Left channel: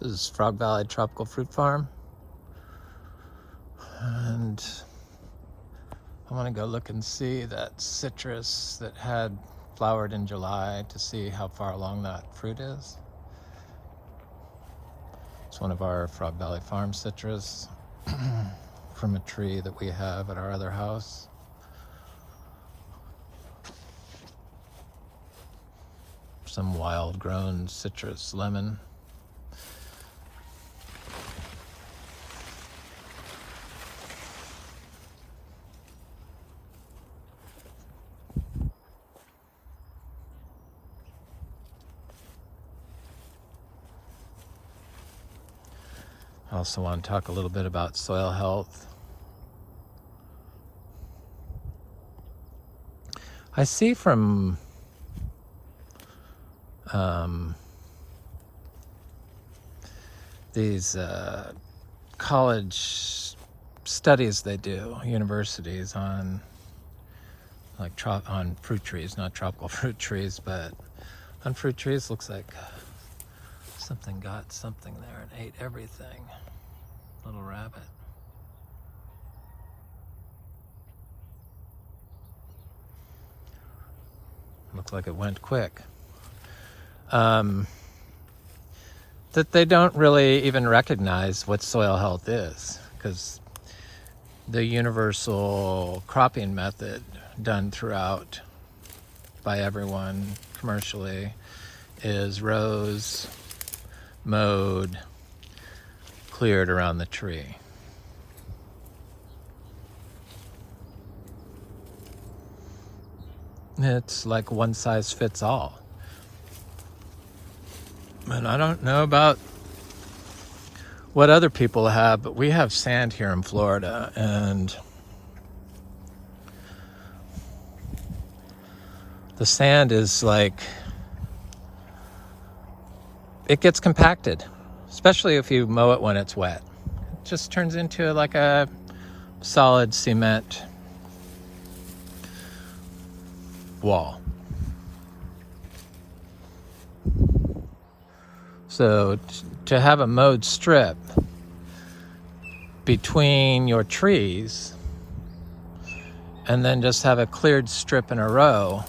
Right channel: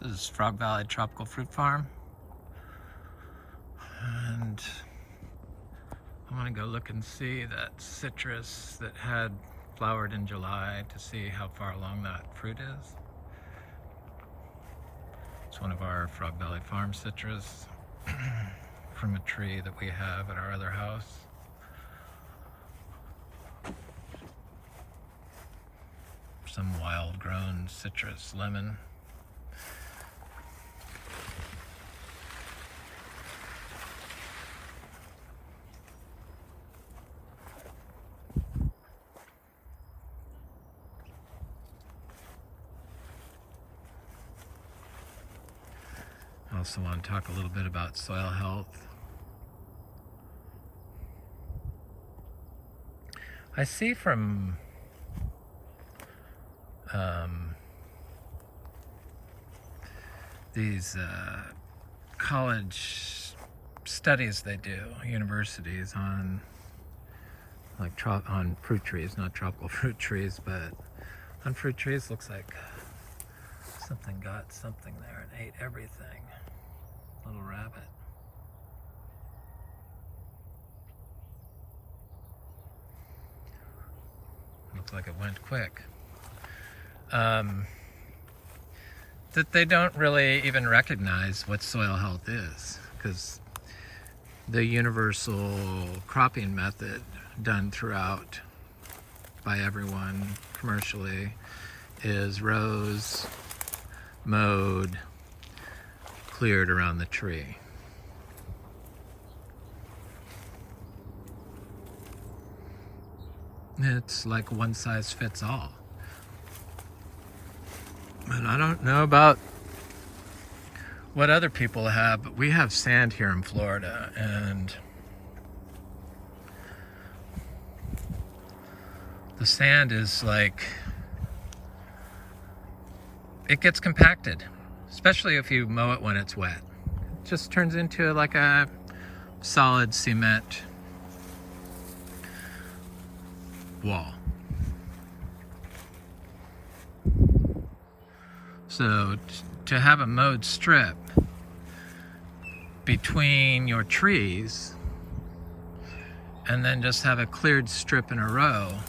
This is Frog Valley Tropical Fruit Farm, and I want to go look and see that citrus that had flowered in July to see how far along that fruit is. It's one of our Frog Valley Farm citrus from a tree that we have at our other house. Some wild grown citrus lemon. I also want to talk a little bit about soil health. I see from these college studies they do, universities, on on fruit trees, not tropical fruit trees, but on fruit trees. Looks like something got something there and ate everything. Little rabbit. Looks like it went quick. That they don't really even recognize what soil health is, because the universal cropping method done throughout by everyone commercially is rows, mowed, cleared around the tree. It's like one size fits all. And I don't know about what other people have, but we have sand here in Florida, and the sand is like, it gets compacted, especially if you mow it when it's wet. It just turns into like a solid cement wall. So to have a mowed strip between your trees and then just have a cleared strip in a row,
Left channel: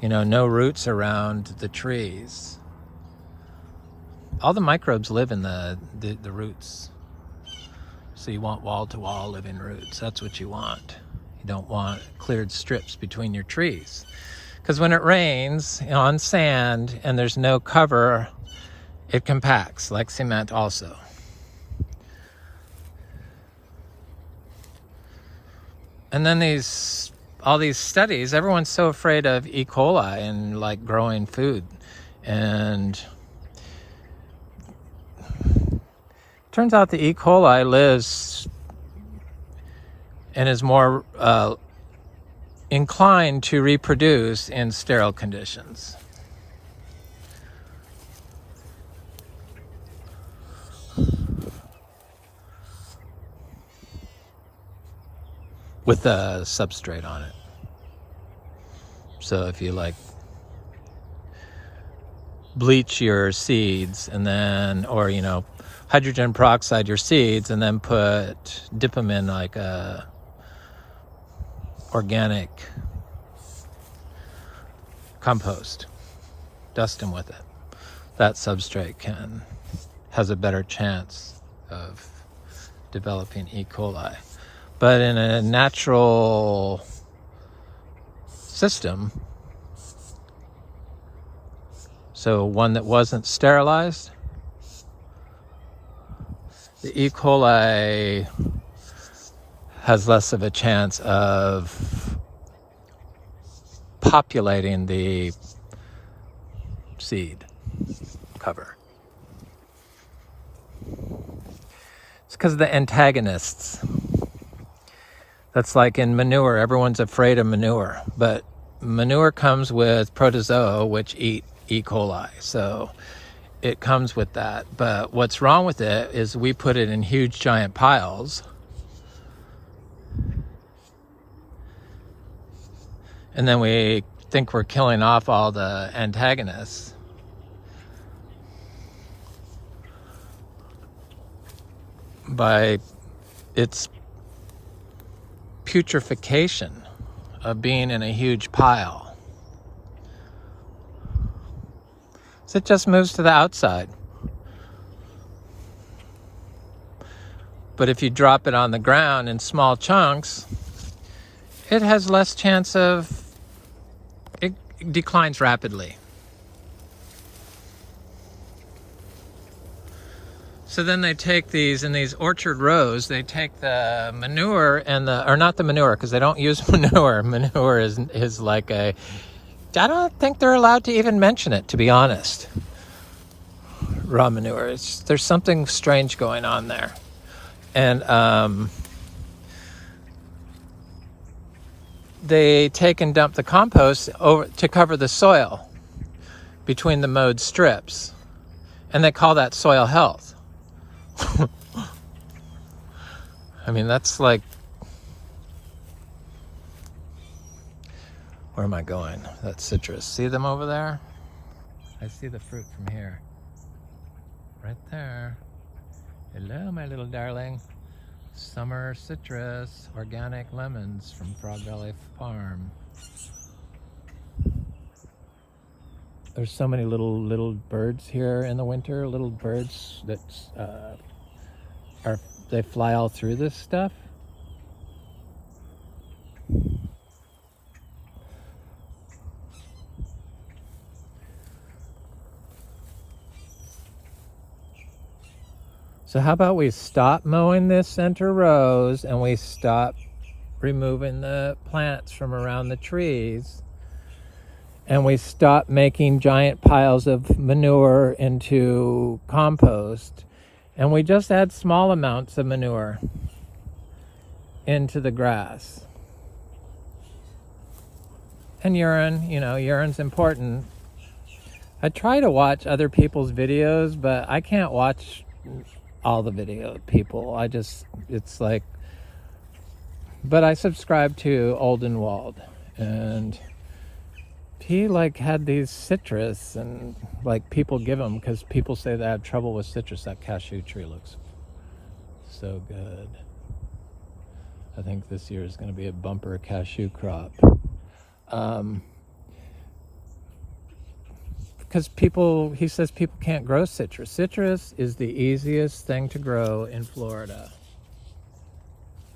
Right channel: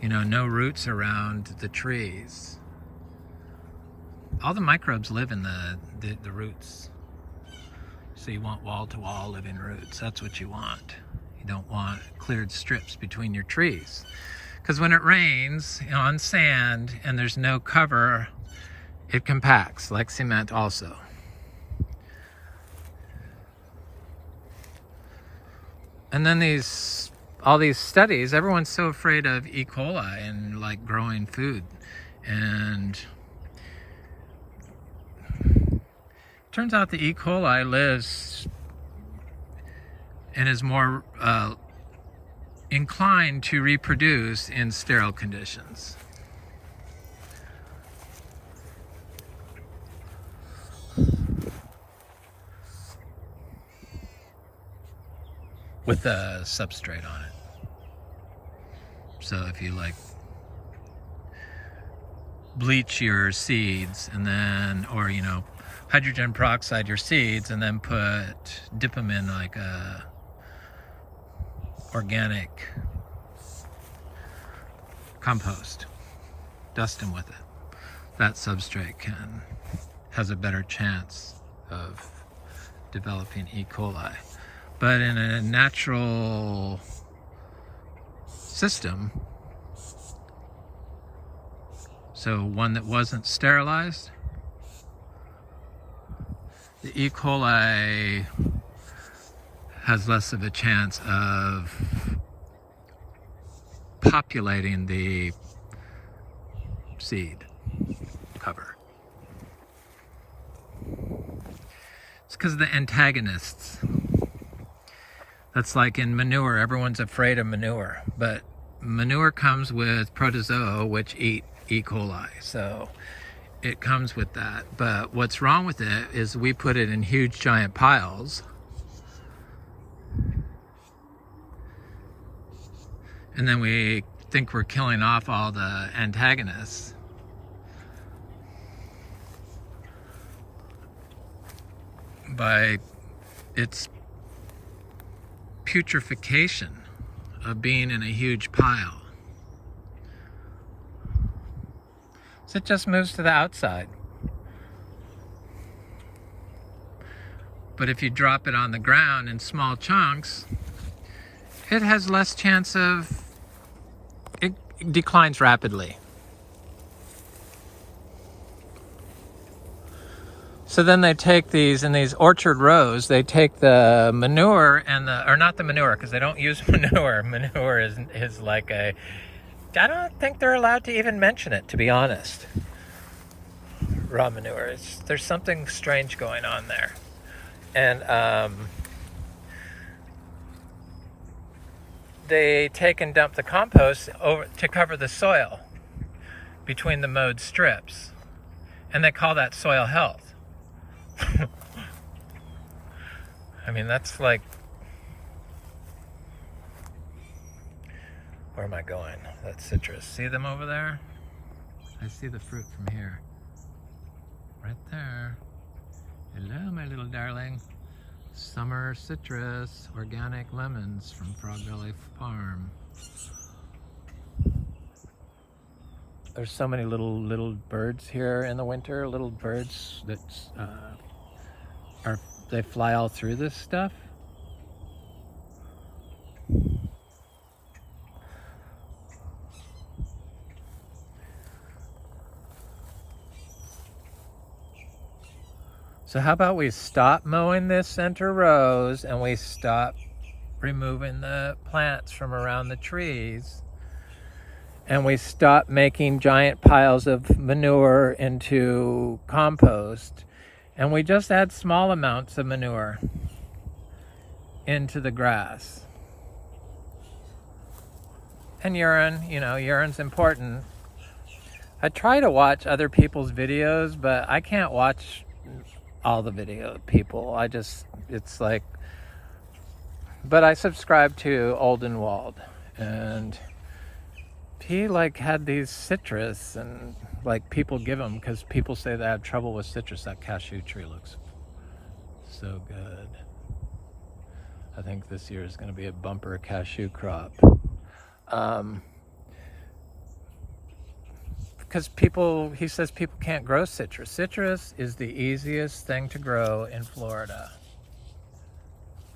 you know, no roots around the trees. All the microbes live in the roots. So you want wall-to-wall living roots. That's what you want. You don't want cleared strips between your trees. Because when it rains on sand and there's no cover, it compacts like cement also. And then all these studies, everyone's so afraid of E. coli and like growing food. And turns out the E. coli lives and is more inclined to reproduce in sterile conditions. With a substrate on it. So if you like bleach your seeds and then, or you know, hydrogen peroxide your seeds and then dip them in like a organic compost, dust them with it, that substrate has a better chance of developing E. coli. But in a natural system, so one that wasn't sterilized, the E. coli has less of a chance of populating the seed cover. It's because of the antagonists. That's like in manure. Everyone's afraid of manure, but manure comes with protozoa which eat E. coli, so it comes with that. But what's wrong with it is we put it in huge giant piles, and then we think we're killing off all the antagonists. by its putrefaction of being in a huge pile. So it just moves to the outside. But if you drop it on the ground in small chunks, it has less chance of, it declines rapidly. So then they take these, in these orchard rows, they take the manure and or not the manure, because they don't use manure. Manure is like I don't think they're allowed to even mention it, to be honest. Raw manure, there's something strange going on there. And they take and dump the compost over to cover the soil between the mowed strips. And they call that soil health. I mean, that's like, where am I going? That's citrus. See them over there? I see the fruit from here. Right there. Hello, my little darling. Summer citrus, organic lemons from Frog Valley Farm. There's so many little birds here in the winter. Little birds that they fly all through this stuff. So how about we stop mowing this center rows and we stop removing the plants from around the trees, and we stop making giant piles of manure into compost, and we just add small amounts of manure into the grass. And urine, you know, urine's important. I try to watch other people's videos, but I can't watch all the video people. It's like, but I subscribe to Oldenwald, and he like had these citrus, and like people give them because people say they have trouble with citrus. That cashew tree looks so good. I think this year is going to be a bumper cashew crop. Because he says people can't grow citrus. Citrus is the easiest thing to grow in Florida.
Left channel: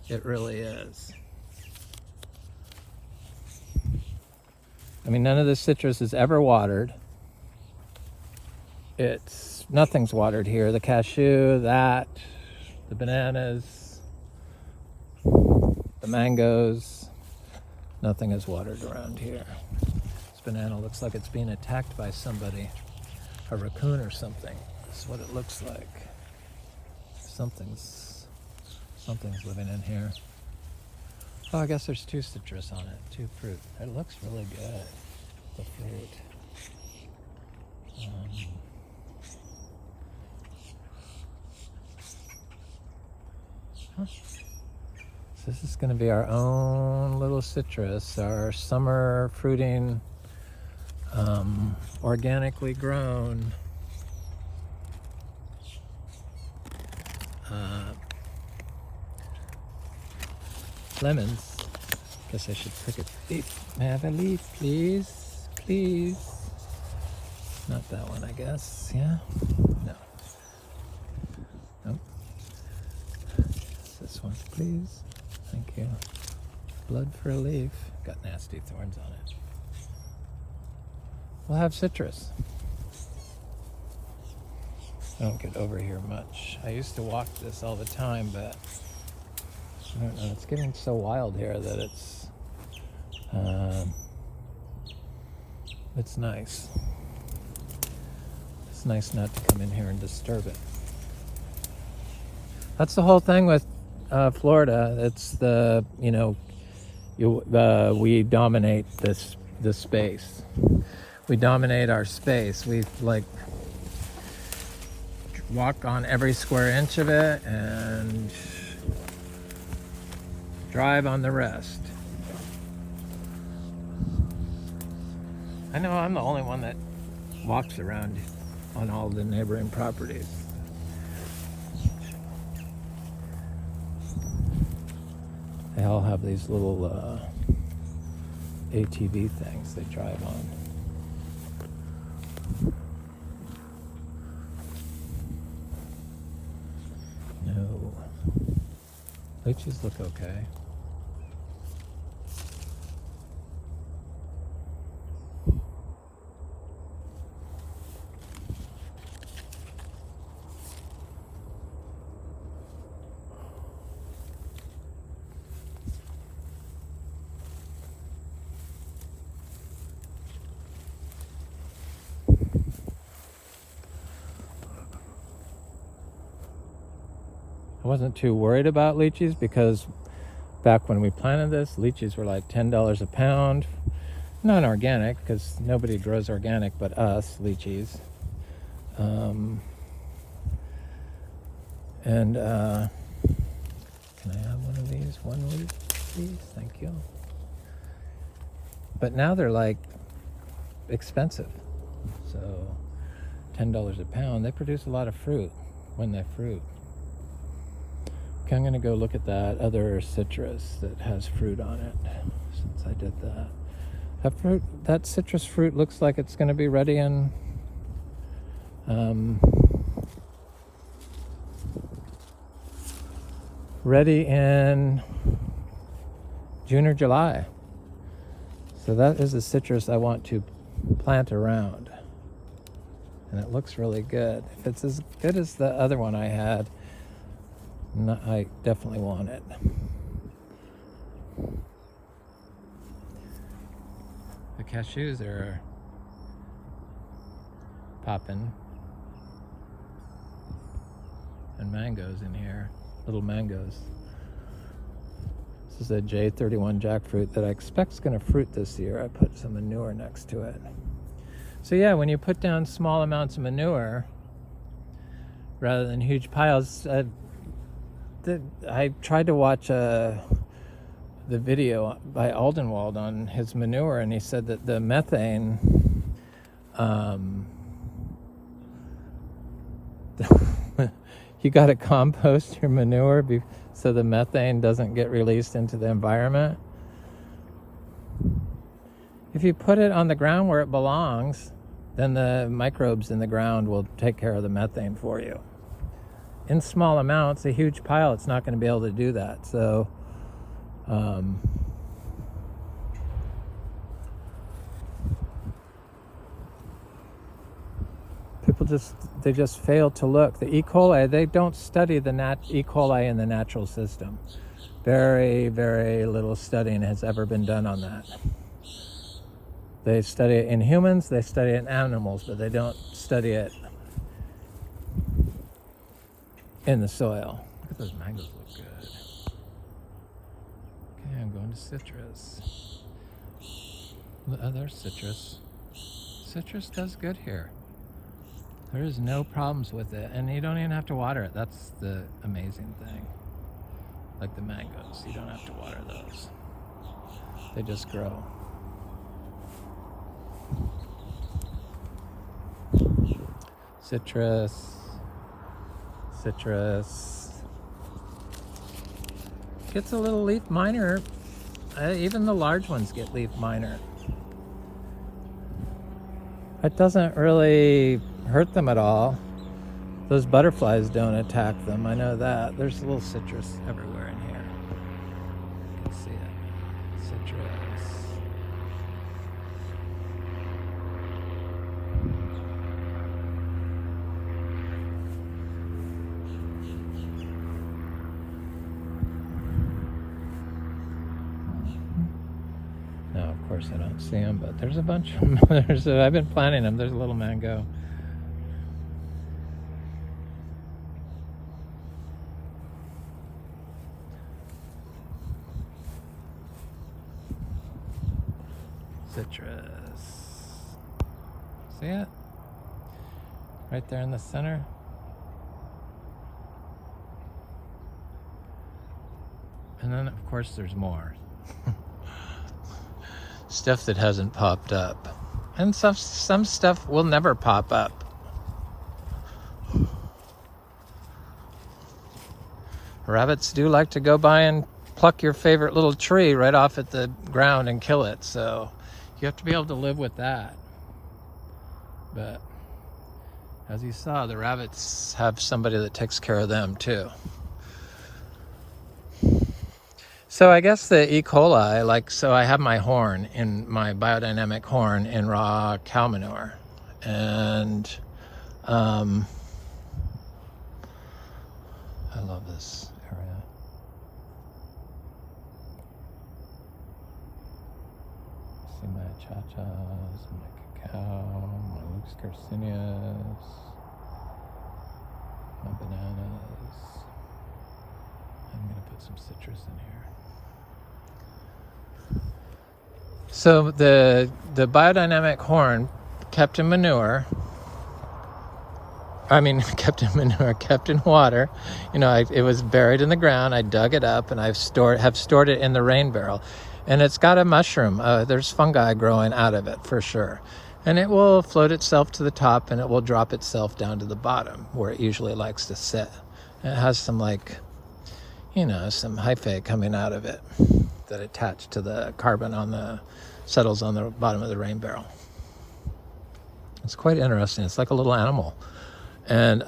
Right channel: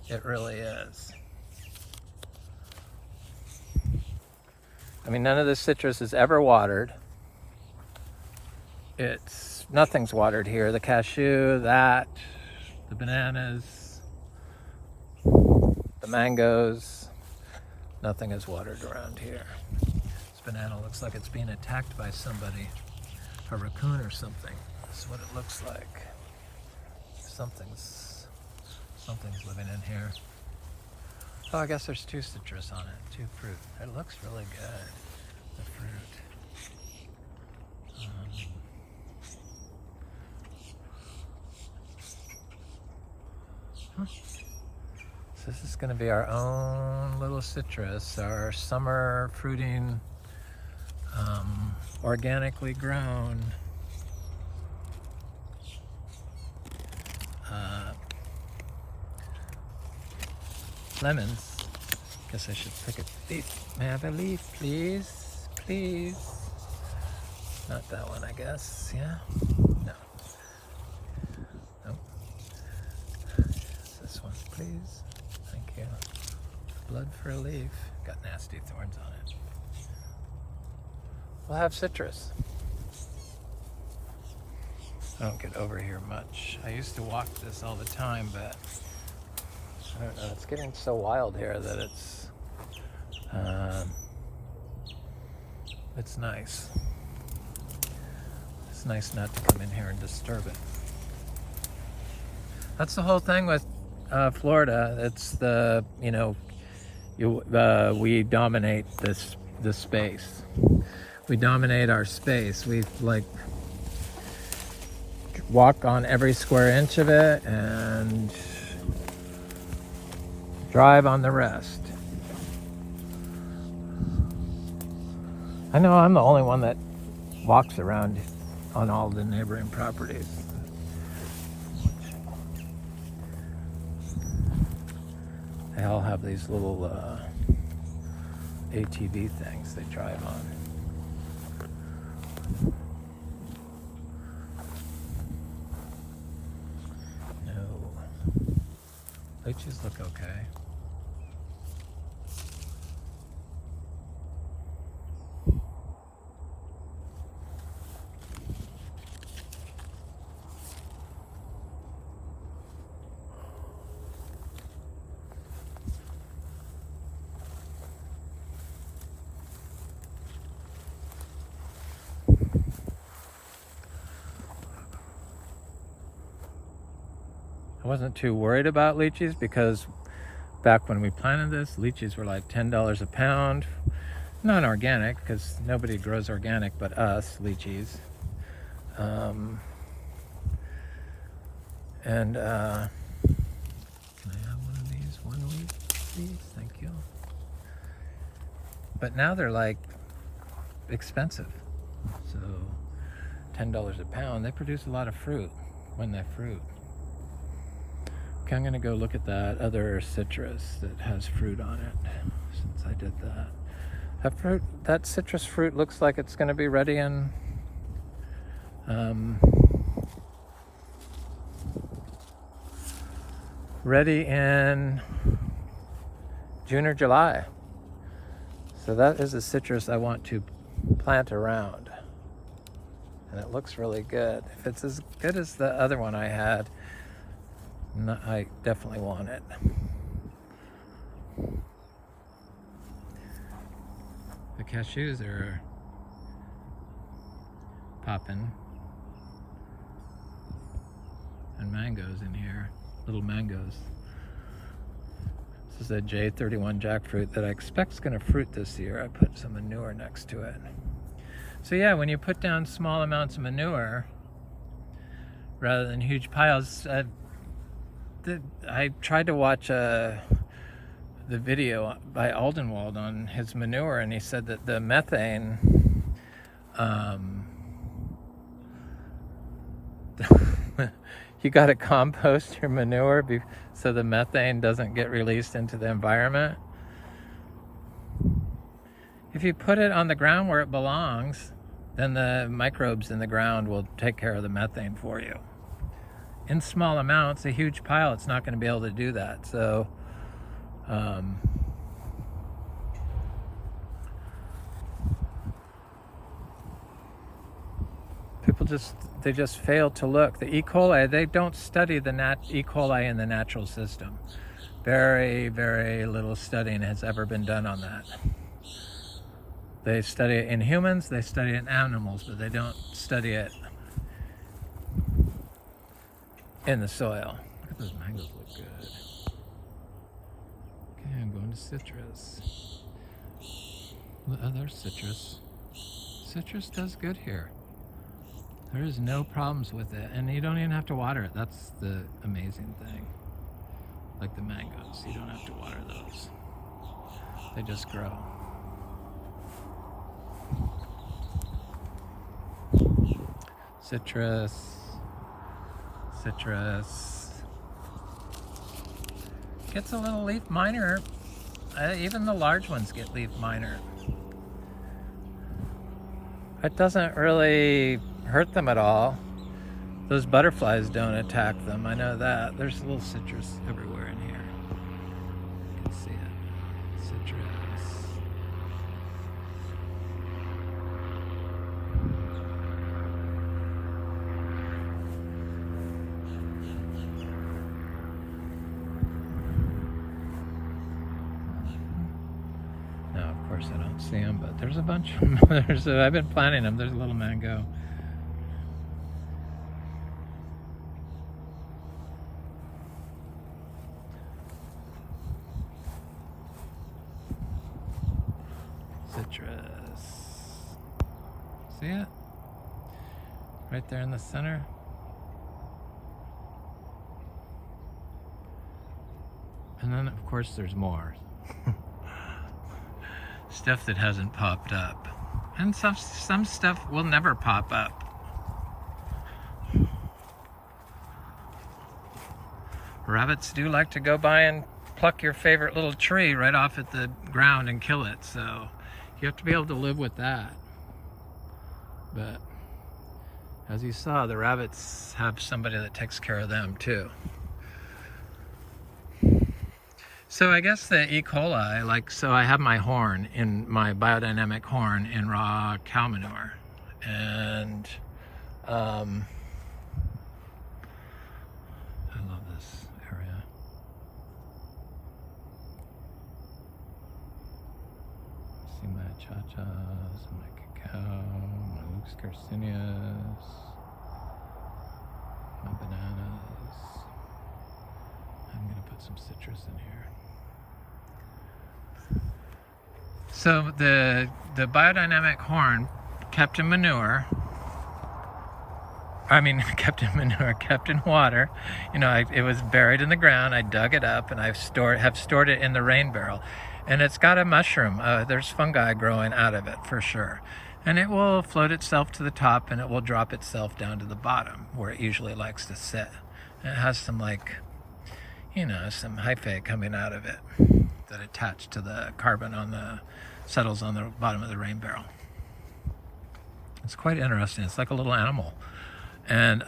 It really is. I mean, none of the citrus is ever watered. Nothing's watered here. The cashew, the bananas, the mangoes, nothing is watered around here. Banana looks like it's being attacked by somebody, a raccoon or something. That's what it looks like. Something's living in here. Oh, I guess there's 2 citrus on it, 2 fruit. It looks really good, the fruit. So this is going to be our own little citrus, our summer fruiting, organically grown lemons. Guess I should pick a leaf. May I have a leaf, please? Please. Not that one, I guess. Yeah? No. Nope. This one, please. Thank you. Blood for a leaf. Got nasty thorns on it. We'll have citrus. I don't get over here much. I used to walk this all the time, but I don't know. It's getting so wild here that it's nice. It's nice not to come in here and disturb it. That's the whole thing with Florida. It's the, you know, we dominate this space. We dominate our space. We like walk on every square inch of it and drive on the rest. I know I'm the only one that walks around on all the neighboring properties. They all have these little ATV things they drive on. No. Lychees look okay. I wasn't too worried about lychees because back when we planted this, lychees were like $10 a pound. Not organic, because nobody grows organic but us, lychees. Can I have one of these? One leaf, please? Thank you. But now they're like expensive. So $10 a pound. They produce a lot of fruit when they fruit. Okay, I'm gonna go look at that other citrus that has fruit on it, since I did that. That citrus fruit looks like it's gonna be ready in June or July. So that is a citrus I want to plant around. And it looks really good. If it's as good as the other one I had, I definitely want it. The cashews are popping. And mangoes in here, little mangoes. This is a J31 jackfruit that I expect is going to fruit this year. I put some manure next to it. So yeah, when you put down small amounts of manure rather than huge piles, I tried to watch the video by Aldenwald on his manure, and he said that the methane you got to compost your manure so the methane doesn't get released into the environment. If you put it on the ground where it belongs, then the microbes in the ground will take care of the methane for you. In small amounts, a huge pile, it's not going to be able to do that. So people just fail to look. The E. coli, they don't study the E. coli in the natural system. Very, very little studying has ever been done on that. They study it in humans, they study it in animals, but they don't study it in the soil. Look at those mangoes, look good. Okay, I'm going to citrus. There's citrus. Citrus does good here. There is no problems with it, and you don't even have to water it. That's the amazing thing. Like the mangoes, you don't have to water those. They just grow. Citrus. Citrus. Gets a little leaf minor. Even the large ones get leaf minor. It doesn't really hurt them at all. Those butterflies don't attack them. I know that. There's a little citrus everywhere in here. You can see it. Citrus. Now, of course, I don't see them, but there's a bunch of them. I've been planting them. There's a little mango. Citrus. See it? Right there in the center. And then, of course, there's more. Stuff that hasn't popped up. And some stuff will never pop up. Rabbits do like to go by and pluck your favorite little tree right off at the ground and kill it. So you have to be able to live with that. But as you saw, the rabbits have somebody that takes care of them too. So I guess the E. coli, so I have my horn in my biodynamic horn in raw cow manure. And I love this area. See my chachas, my cacao, my Lux Garcinias, my bananas. I'm gonna put some citrus in here. So the biodynamic horn kept in manure. Kept in water. You know, it was buried in the ground. I dug it up and have stored it in the rain barrel. And it's got a mushroom. There's fungi growing out of it for sure. And it will float itself to the top and it will drop itself down to the bottom where it usually likes to sit. And it has some some hyphae coming out of it that attach to the carbon settles on the bottom of the rain barrel. It's quite interesting. It's like a little animal. And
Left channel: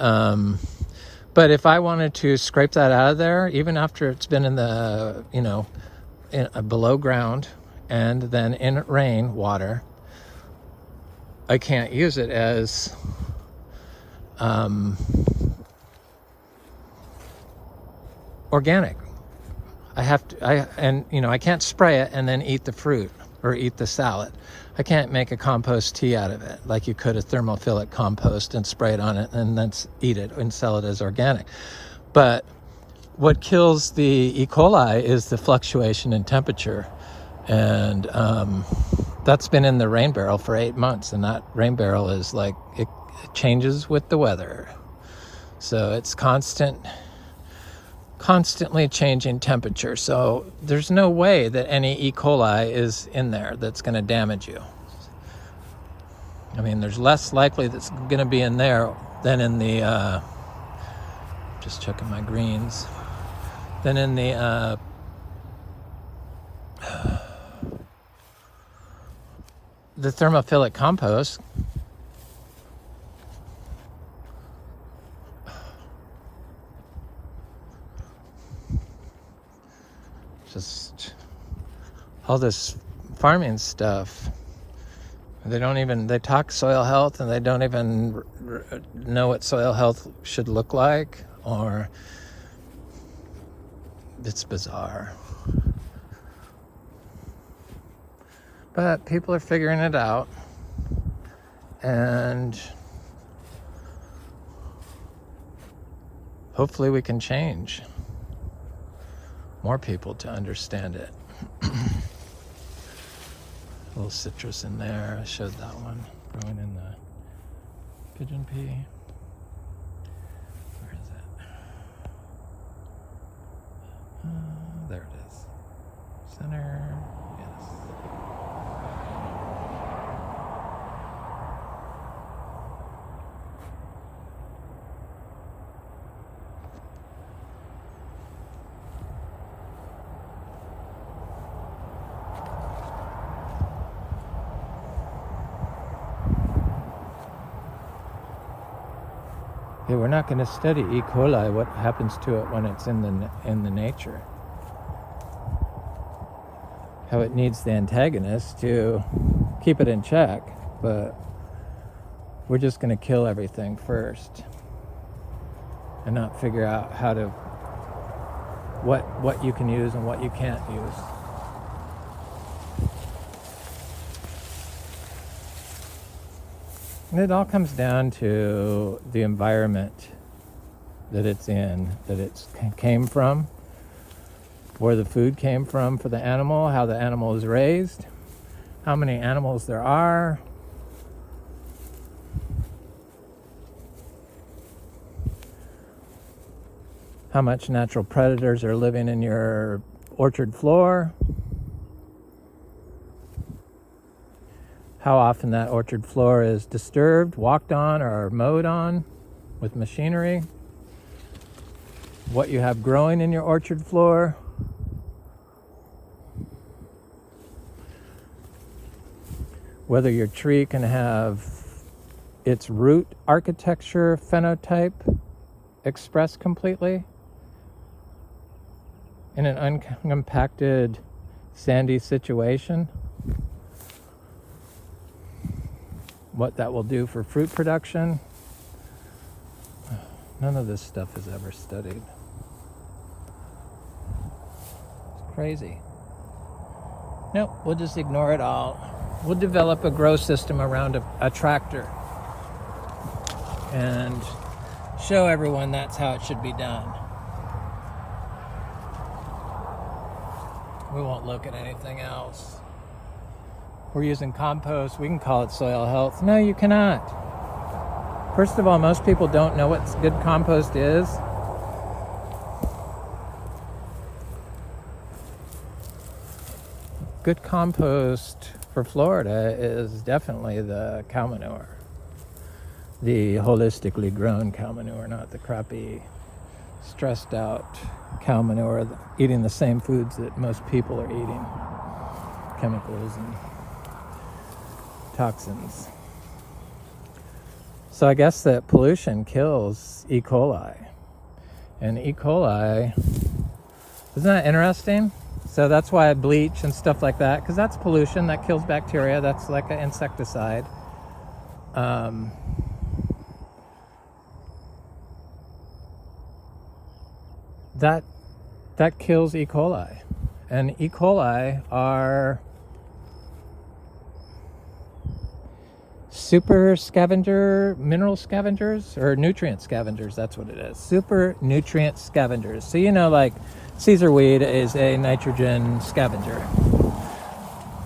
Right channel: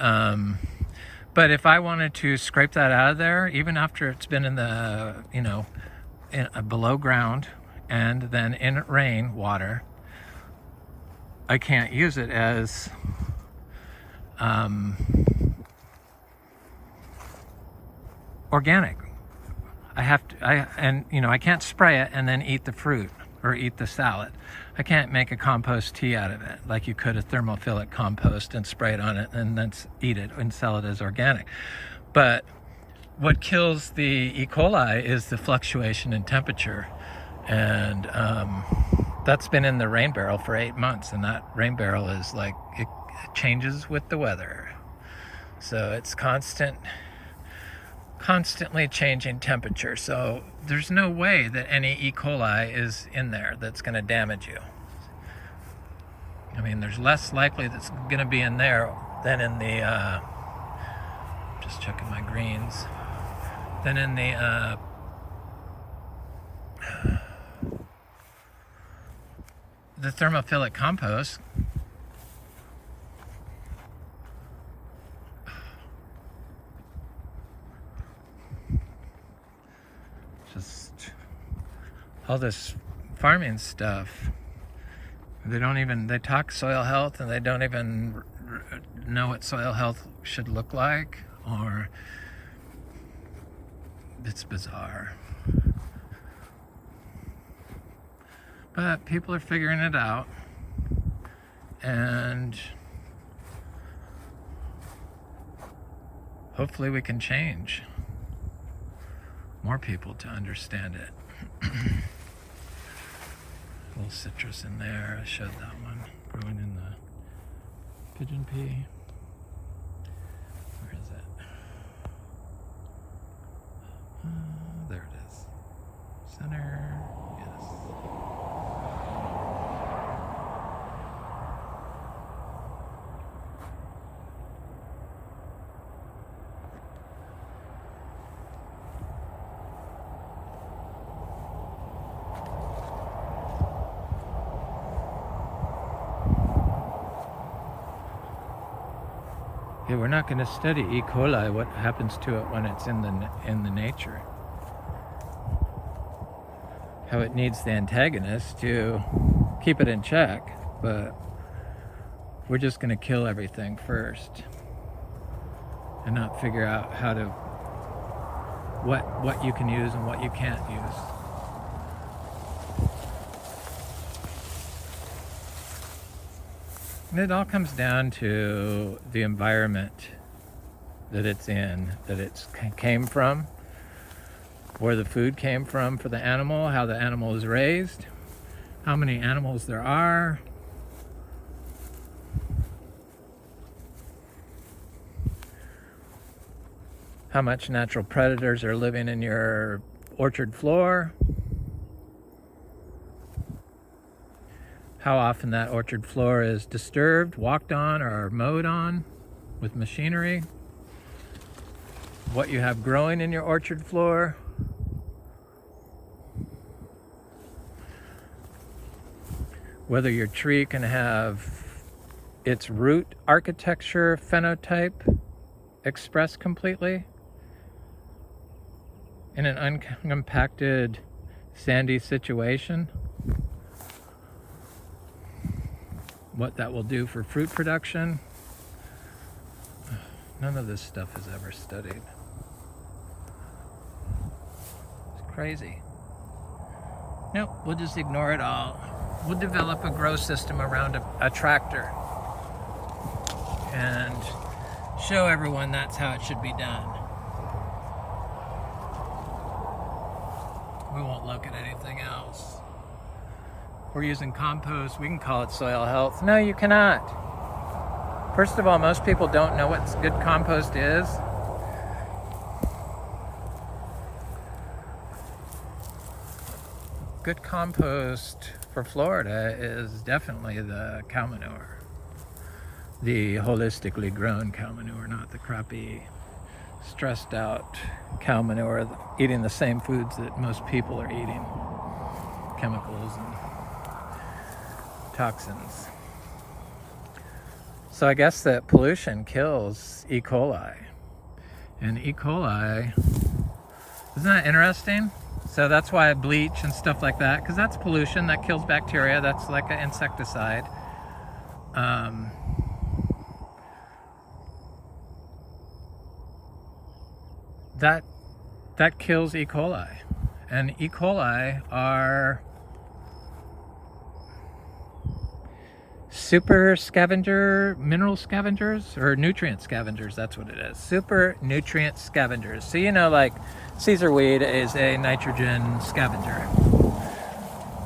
but if I wanted to scrape that out of there, even after it's been in the below ground and then in rain water, I can't use it as organic. I can't spray it and then eat the fruit or eat the salad. I can't make a compost tea out of it like you could a thermophilic compost and spray it on it and then eat it and sell it as organic. But what kills the E. coli is the fluctuation in temperature. And that's been in the rain barrel for 8 months. And that rain barrel is it changes with the weather. So it's constantly changing temperature. So there's no way that any E. coli is in there that's going to damage you. There's less likely that's going to be in there than in the, just checking my greens, than in the, the thermophilic compost. Just all this farming stuff. They talk soil health and they don't even know what soil health should look like, or it's bizarre. But people are figuring it out, and hopefully we can change more people to understand it. A little citrus in there. I showed that one growing in the pigeon pea. Where is it? There it is. Center. Yes. Okay, we're not going to study E. coli, what happens to it when it's in the nature. How it needs the antagonist to keep it in check, but we're just going to kill everything first and not figure out how to what you can use and what you can't use. And it all comes down to the environment that it's in, that it came from, where the food came from for the animal, how the animal is raised, how many animals there are, how much natural predators are living in your orchard floor, how often that orchard floor is disturbed, walked on, or mowed on with machinery, what you have growing in your orchard floor, whether your tree can have its root architecture phenotype expressed completely in an uncompacted sandy situation, what that will do for fruit production. None of this stuff is ever studied. It's crazy. Nope, we'll just ignore it all. We'll develop a grow system around a tractor and show everyone that's how it should be done. We won't look at anything else. We're using compost. We can call it soil health. No, you cannot. First of all, most people don't know what good compost is. Good compost for Florida is definitely the cow manure. The holistically grown cow manure, not the crappy, stressed out cow manure, eating the same foods that most people are eating. Chemicals and toxins. So I guess that pollution kills E. coli. And E. coli, isn't that interesting? So that's why I bleach and stuff like that, because that's pollution, that kills bacteria, that's like an insecticide. That kills E. coli. And E. coli are super scavenger, mineral scavengers, or nutrient scavengers, that's what it is. Super nutrient scavengers. So you know, like Caesar weed is a nitrogen scavenger.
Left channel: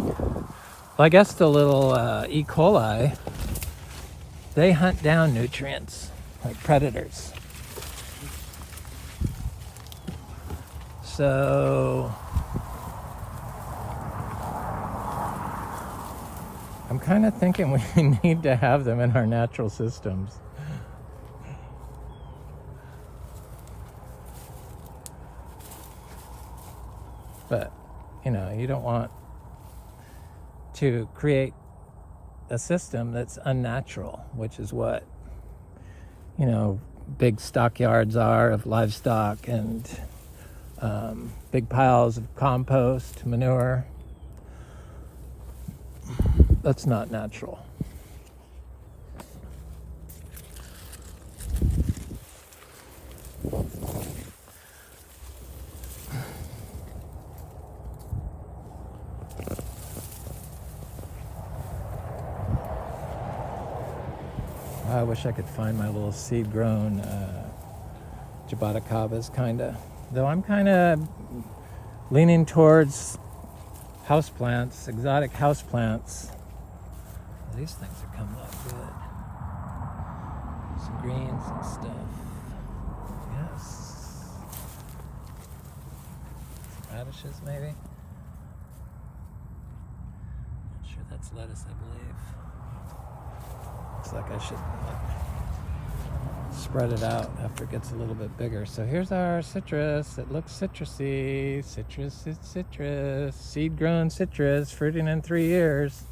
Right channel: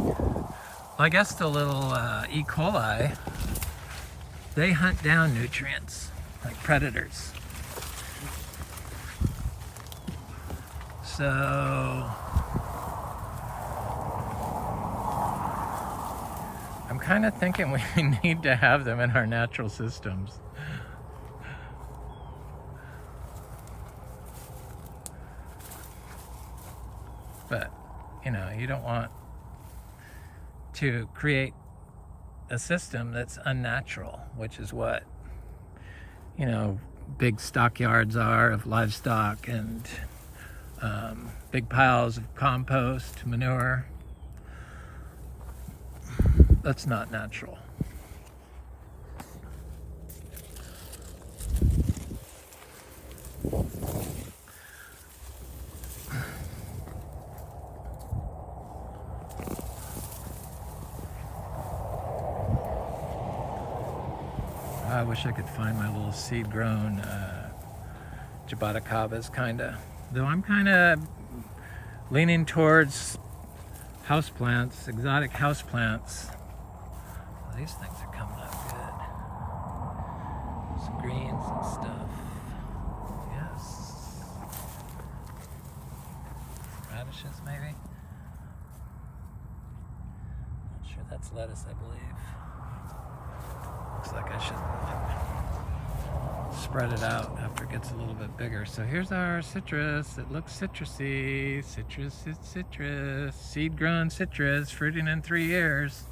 Well, I guess the little E. coli, they hunt down nutrients like predators. So I'm kind of thinking we need to have them in our natural systems. But, you know, you don't want to create a system that's unnatural, which is what, you know, big stockyards are of livestock and big piles of compost, manure. That's not natural. I wish I could find my little seed-grown jaboticabas, kinda. Though I'm kinda leaning towards houseplants, exotic houseplants. Well, these things are coming up good. Some greens and stuff. Yes. Radishes, maybe? Not sure that's lettuce, I believe. Looks like I should spread it out after it gets a little bit bigger. So here's our citrus. It looks citrusy. Citrus is citrus. Seed-grown citrus, fruiting in 3 years.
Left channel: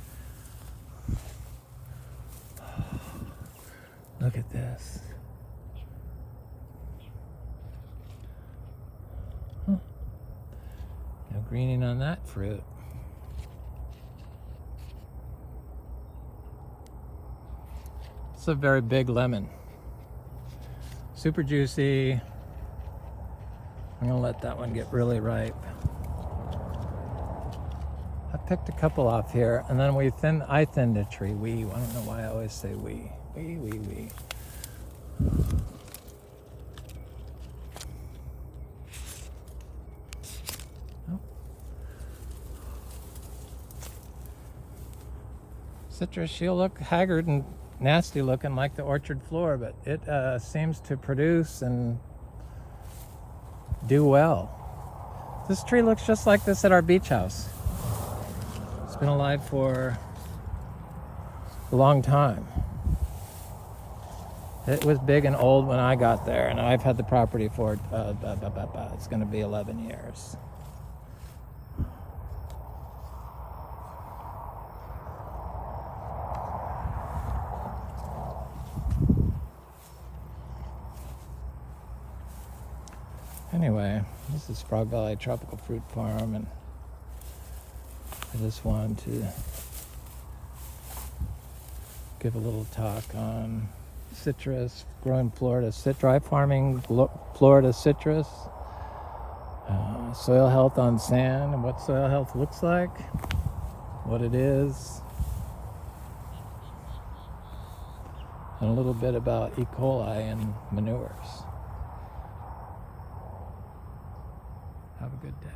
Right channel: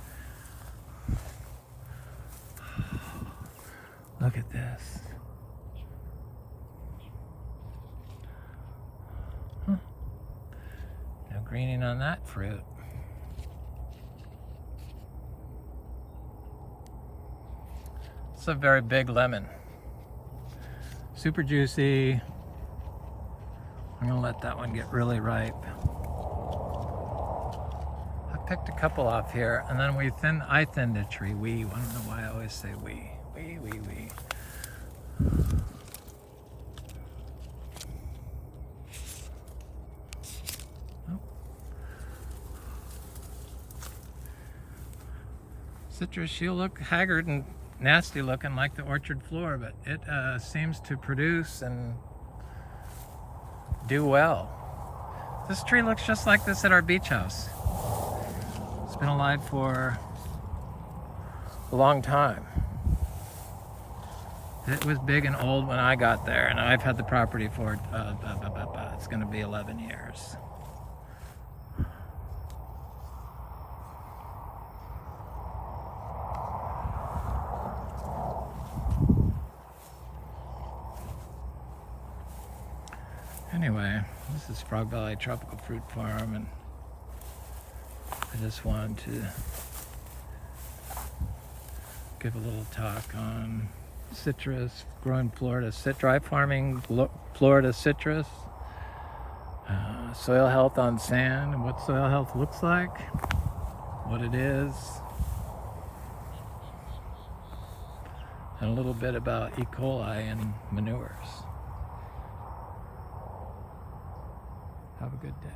Look at this. Huh. No greening on that fruit. It's a very big lemon. Super juicy. I'm gonna let that one get really ripe. I picked a couple off here, and then I thinned a tree. I don't know why I always say we. We. Oh. Citrus, she'll look haggard and nasty looking like the orchard floor, but it seems to produce and do well. This tree looks just like this at our beach house. It's been alive for a long time. It was big and old when I got there, and I've had the property for it's going to be 11 years. Anyway, this is Frog Valley Tropical Fruit Farm, and I just wanted to give a little talk on citrus, growing Florida, dry farming Florida citrus, soil health on sand, and what soil health looks like, what it is, and a little bit about E. coli and manures. Have a good day.